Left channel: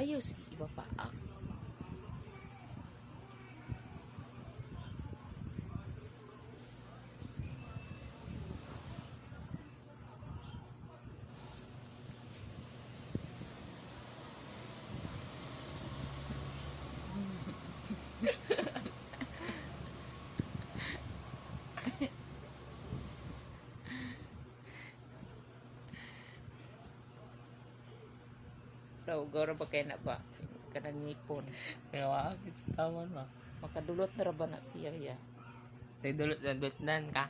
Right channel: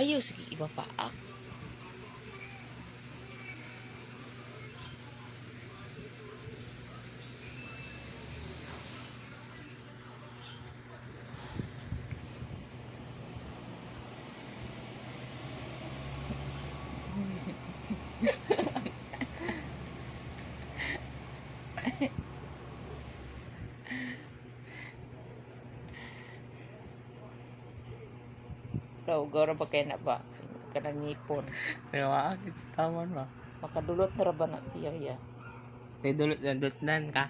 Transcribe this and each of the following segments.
Ayaw, sige, iba pa. Daw, gawra ba kaya na ba? Kanang ngipon. Kaya maakit sa taman ba? Makadulot na ra ba na siya ya? Tay dulot nan ka.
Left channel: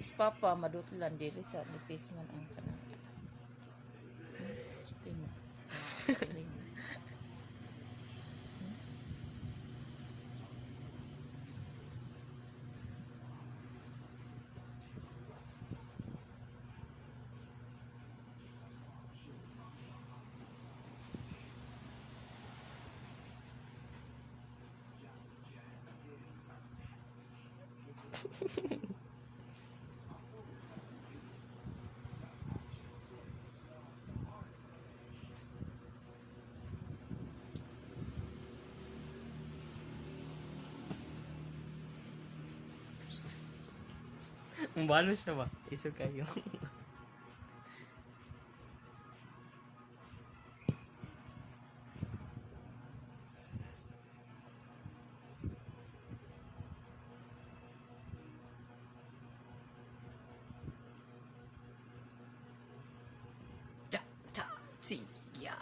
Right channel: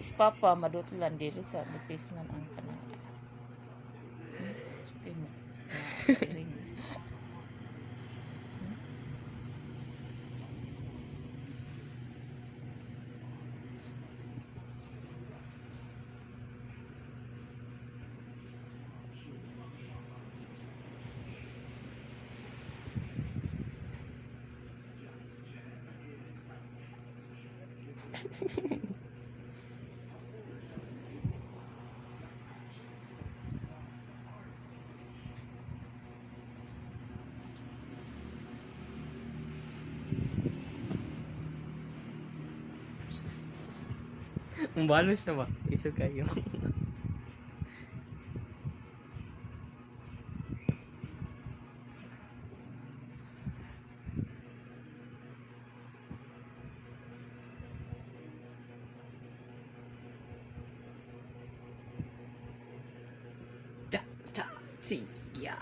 Is papa, madutlan diri sa defacement ang kanang. Okay mo. Ang balos na ba? Iso kayo. Cha cha siya.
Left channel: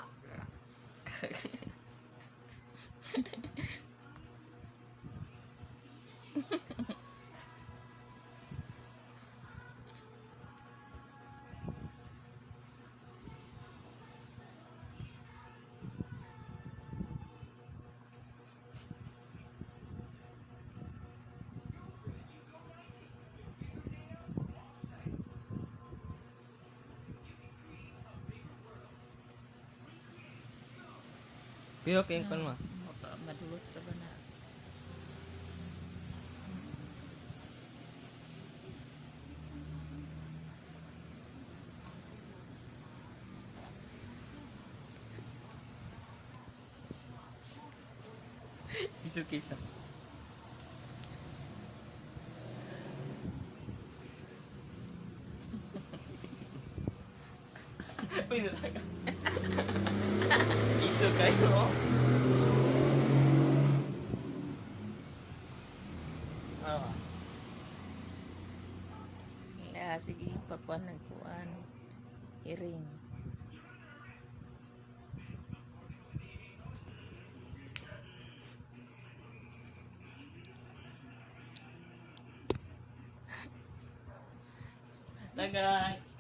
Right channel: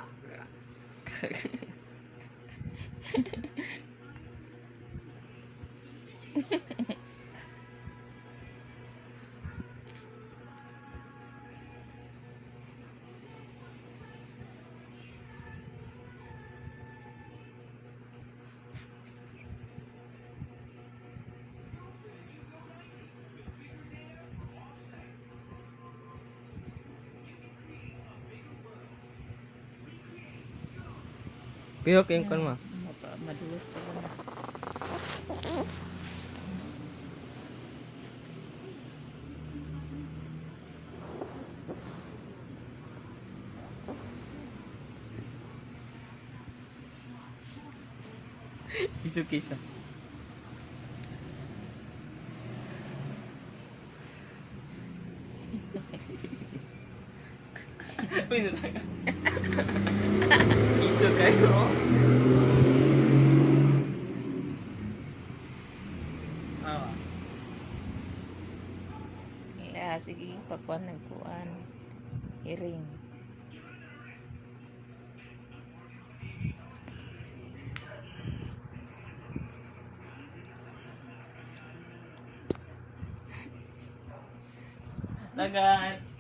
Kaya okay kon ma. Madulot ka na. Iso siya. Uy, natanga. Iso kayo. Ah. Sige, pakuan ng kuan. Iring. Tagan.